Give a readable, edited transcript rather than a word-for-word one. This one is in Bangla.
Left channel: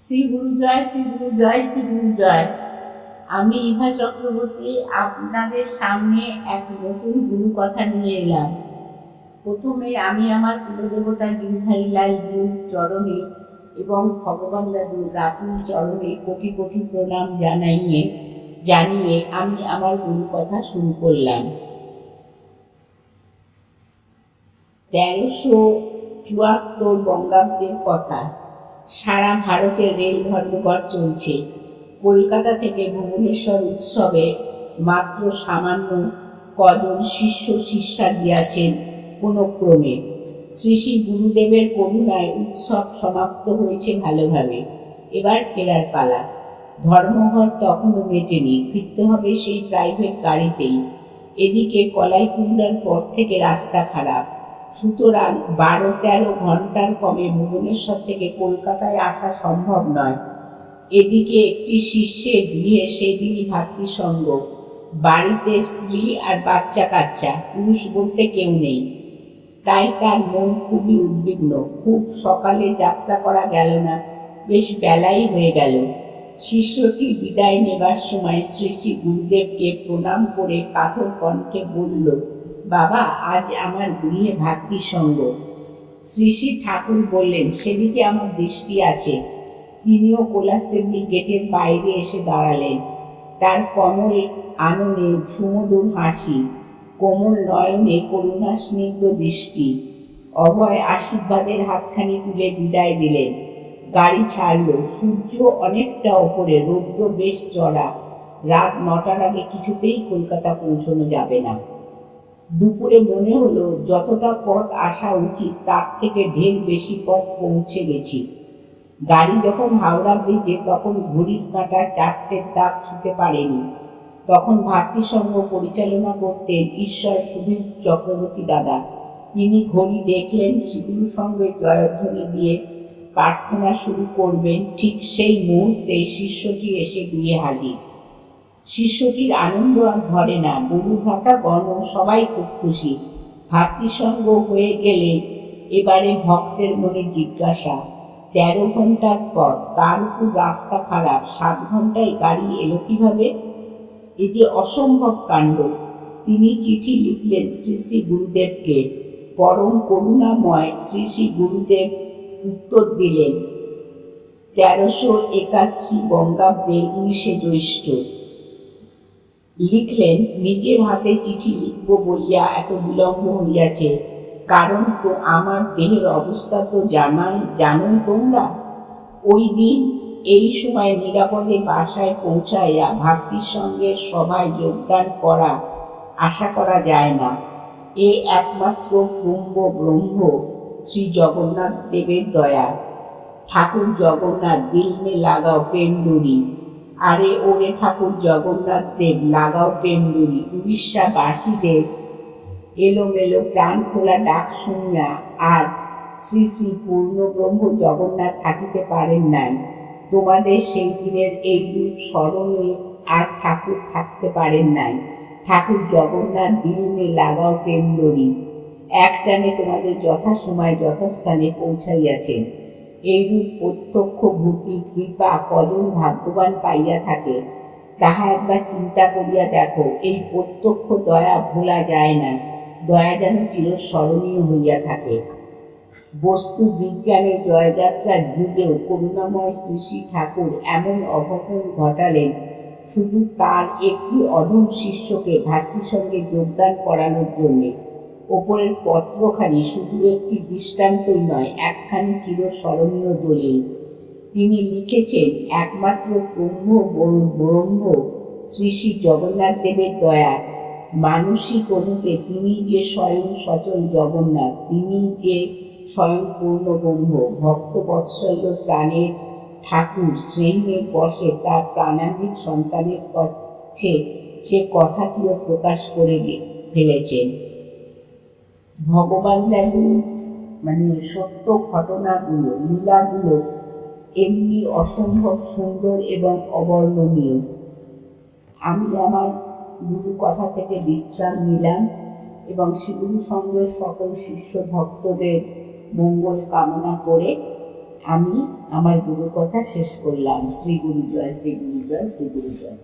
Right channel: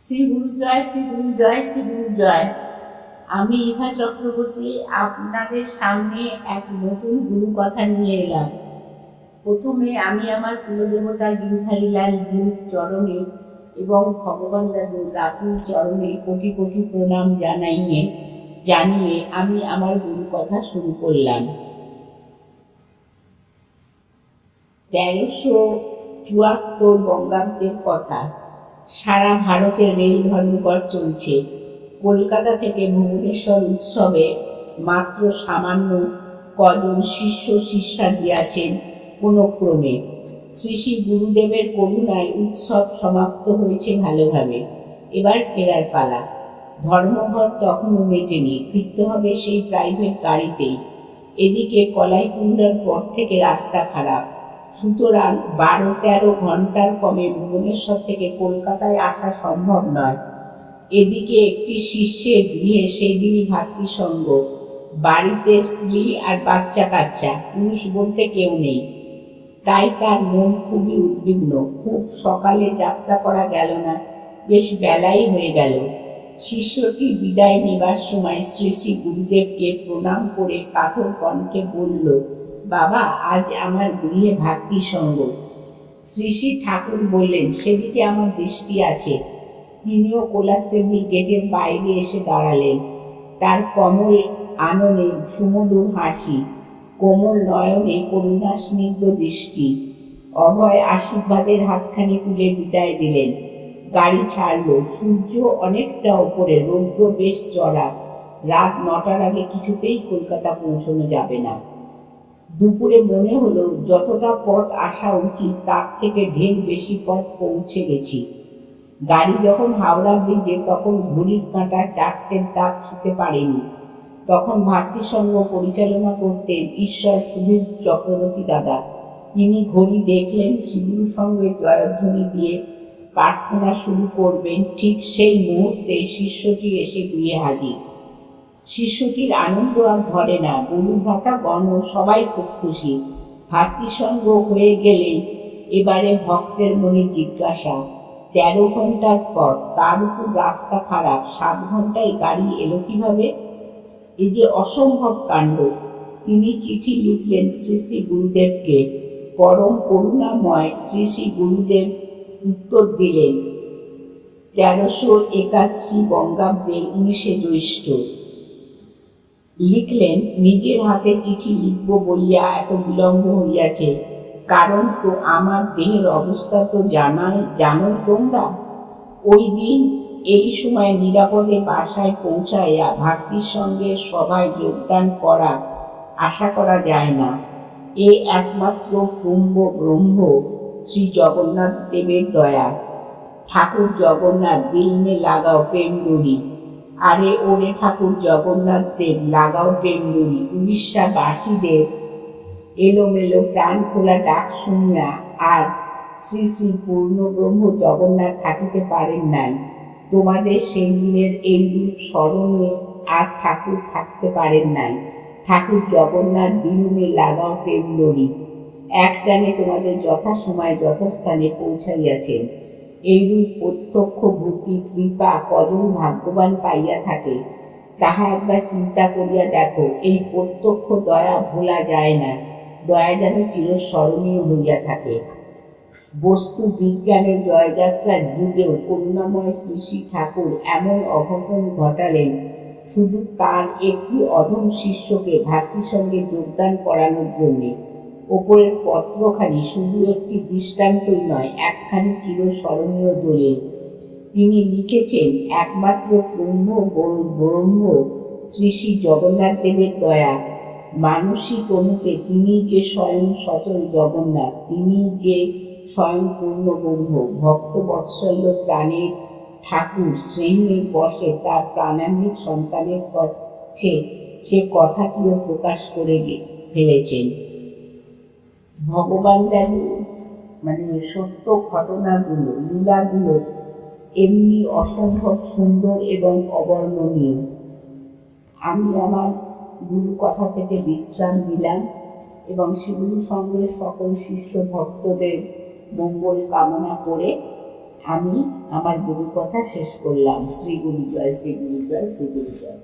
শ্রী গুরু জয়, শ্রী গুরু জয়, শ্রী গুরু জয়। আমি ইভা চক্রবর্তী আপনাদের সামনে এক নতুন গুরু কথা নিয়ে এলাম। প্রথমে আমি আমার কুলদেবতা গিরধারীলাল জিউর চরণে এবং ভগবান দাদু রাতুল চরণে কোটি কোটি প্রণাম জানিয়ে আমি আমার গুরু কথা শুরু করলাম। 1374 বঙ্গাব্দের কথা। সারা ভারতে রেল ধর্মঘট চলছে। কলকাতা থেকে ভুবনেশ্বর উৎসবে মাত্র সামান্য কজন শিষ্য শিষ্যা গিয়াছেন কোনো ক্রমে। শ্রী শ্রী গুরুদেবের করুণায় উৎসব সমাপ্ত হয়েছে ভালোভাবে। এবার ফেরার পালা। ধর্মঘট তখনও মেটেনি, ফিরতে হবে সেই প্রাইভেট গাড়িতেই। এদিকে কলাইকুণ্ডার পর থেকে রাস্তা খারাপ, সুতরাং 12-13 ঘন্টার কমে ভুবনেশ্বর থেকে কলকাতায় আসা সম্ভব নয়। এদিকে একটি শিষ্যের গৃহে সেদিনই ভাতৃসঙ্গ, বাড়িতে স্ত্রী আর বাচ্চা কাচ্চা, পুরুষ বলতে কেউ নেই। তাই তার মন খুবই উদ্বিগ্ন। খুব সকালে যাত্রা করা গেল না, বেশ বেলাই হয়ে গেল। শিষ্যটি বিদায় নেবার সময় শ্রী শ্রী গুরুদেবকে প্রণাম করে কাতর কণ্ঠে বলল, বাবা, আজ আমার গৃহে ভাতৃসঙ্গ। শ্রী শ্রী ঠাকুর বললেন, সেদিকে আমার দৃষ্টি আছে। তিনিও কোলাসেবল গেটের বাইরে এসে দাঁড়ালেন। তার কমল আননে সুমধুর হাসি, কোমল নয়নে করুণা স্নিগ্ধ দৃষ্টি। অভয় আশীর্বাদের হাতখানি তুলে বিদায় দিলেন। গাড়ি ছাড়ল। সূর্য অনেকটা ওপরে, রৌদ্র বেশ চড়া। রাত 9টার আগে কিছুতেই কলকাতা পৌঁছানো যাবে না। দুপুরে মনে হলো যতটা পথ আসা উচিত তার থেকে ঢের বেশি পথ পৌঁছে গেছি। গাড়ি যখন হাওড়া ব্রিজে, তখন ঘড়ির কাঁটা 4টের দাগ ছুঁতে পারেনি। তখন ভাতৃসঙ্গ পরিচালনা করতেন ঈশ্বর সুধীর চক্রবর্তী দাদা। তিনি ঘড়ি দেখলেন, শ্রীগুরুর সঙ্গে জয়ধ্বনি দিয়ে প্রার্থনা শুরু করবেন, ঠিক সেই মুহূর্তে শিষ্যটি এসে গৃহে হাজির। শিষ্যটির আনন্দ আর ধরে না। গুরু ভ্রাতা গণ সবাই খুব খুশি। ভাতৃসঙ্গ হয়ে গেলে এবারে ভক্তের মনে জিজ্ঞাসা, 13 ঘন্টার পথ, তার উপর রাস্তা খারাপ, 7 ঘন্টায় গাড়ি এলো কিভাবে? এ যে অসম্ভব কাণ্ড। তিনি চিঠি লিখলেন শ্রী শ্রী গুরুদেবকে। পরম করুণাময় শ্রী শ্রী গুরুদেব উত্তর দিলেন 1381 বঙ্গাব্দের 19 জ্যৈষ্ঠ। লিখলেন, নিজের হাতে চিঠি লিখব বলিয়া এত বিলম্ব হইয়াছে, কারণ তো আমার দেহের অবস্থা তো জানোই তোমরা। ওই দিন এই সময় নিরাপদে বাসায় পৌঁছাইয়া ভাতৃসঙ্গের সভায় যোগদান করা আশা করা যায় না। এ একমাত্র ব্রহ্ম শ্রী জগন্নাথ দেবের দয়া। ঠাকুর জগন্নাথ, দিল মে লাগাও প্রেম ডুরি। আরে ওরে ঠাকুর জগন্নাথ দেব, লাগাও প্রেম ডুরি। উড়িষ্যাবাসীদের এলোমেলো প্রাণ খোলা ডাক শুনিয়া আর শ্রী শ্রী পূর্ণব্রহ্ম জগন্নাথ থাকিতে পারেন নাই। তোমাদের সেই দিনের এই রূপ স্মরণে আর ঠাকুর থাকতে পারেন নাই। ঠাকুর জগন্নাথ, দিল মে লাগাও প্রেম ডুরি, একটানে তোমাদের যথাসময়ে যথাস্থানে পৌঁছাইয়াছেন। এইরূপ প্রত্যক্ষ ভূতি কৃপা কজন ভাগ্যবান পাইয়া থাকে, তাহা একবার চিন্তা করিয়া দেখো। এই প্রত্যক্ষ দয়া ভোলা যায় না। দয়া যেন চিরস্মরণীয় হইয়া থাকে। বস্তু বিজ্ঞানের জয়যাত্রার যুগেও করুণাময় শ্রী শ্রী ঠাকুর এমন অঘটন ঘটালেন শুধু তার একটি অধম শিষ্যকে ভাতৃসঙ্গে যোগদান করানোর জন্যে। ওপরের পত্রখানি শুধু একটি দৃষ্টান্তই নয়, একখানি চিরস্মরণীয় দলিল। তিনি লিখেছেন, একমাত্র ব্রহ্ম শ্রী শ্রী জগন্নাথ দেবের দয়া। মানুষী তনুকে তিনি যে স্বয়ং সচল জগন্নাথ, তিনি যে স্বয়ং পূর্ণব্রহ্ম। ভক্তবৎসল্য প্রাণের ঠাকুর স্নেহে বসে তার প্রাণান্বিত সন্তানের কাছে সে কথাটিও প্রকাশ করে ফেলেছেন। ভগবান দাদু সত্য ঘটনাগুলো, লীলাগুলো এমনি অসম্ভব সুন্দর এবং অবর্ণনীয়। আমি আমার গুরু কথা থেকে বিশ্রাম নিলাম এবং শ্রীগুরু সঙ্গে সকল শিষ্য ভক্তদের মঙ্গল কামনা করে আমি আমার গুরুর কথা শেষ করলাম। শ্রী গুরু জয়, শ্রী গুরু জয়, শ্রী গুরু জয়।